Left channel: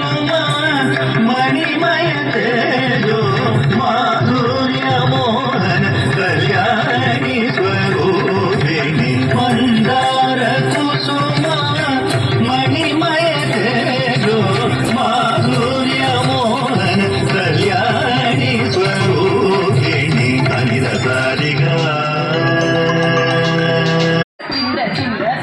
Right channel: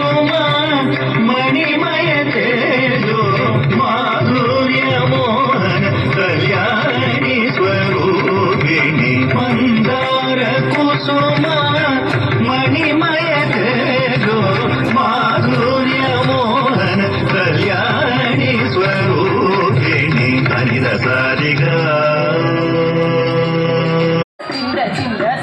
ಕುಸುಮ ಮಣಿಮಯ ತೇಜೋ ಮಾಧುರ್ಯ ಮೋಹನ ಕಲ್ಯಾಣಿ ಸ್ವರೂಪಿಣಿ ಮಂದಾರ ಕುಸುಮ ಮಣಿಮಯ ತೇಜೋ ಮಾಧುರ್ಯ ಮೋಹನ ಕಲ್ಯಾಣಿ ಸ್ವರೂಪಿಣಿ ಹರಿದ ಸಾರಿಗ సజ్జన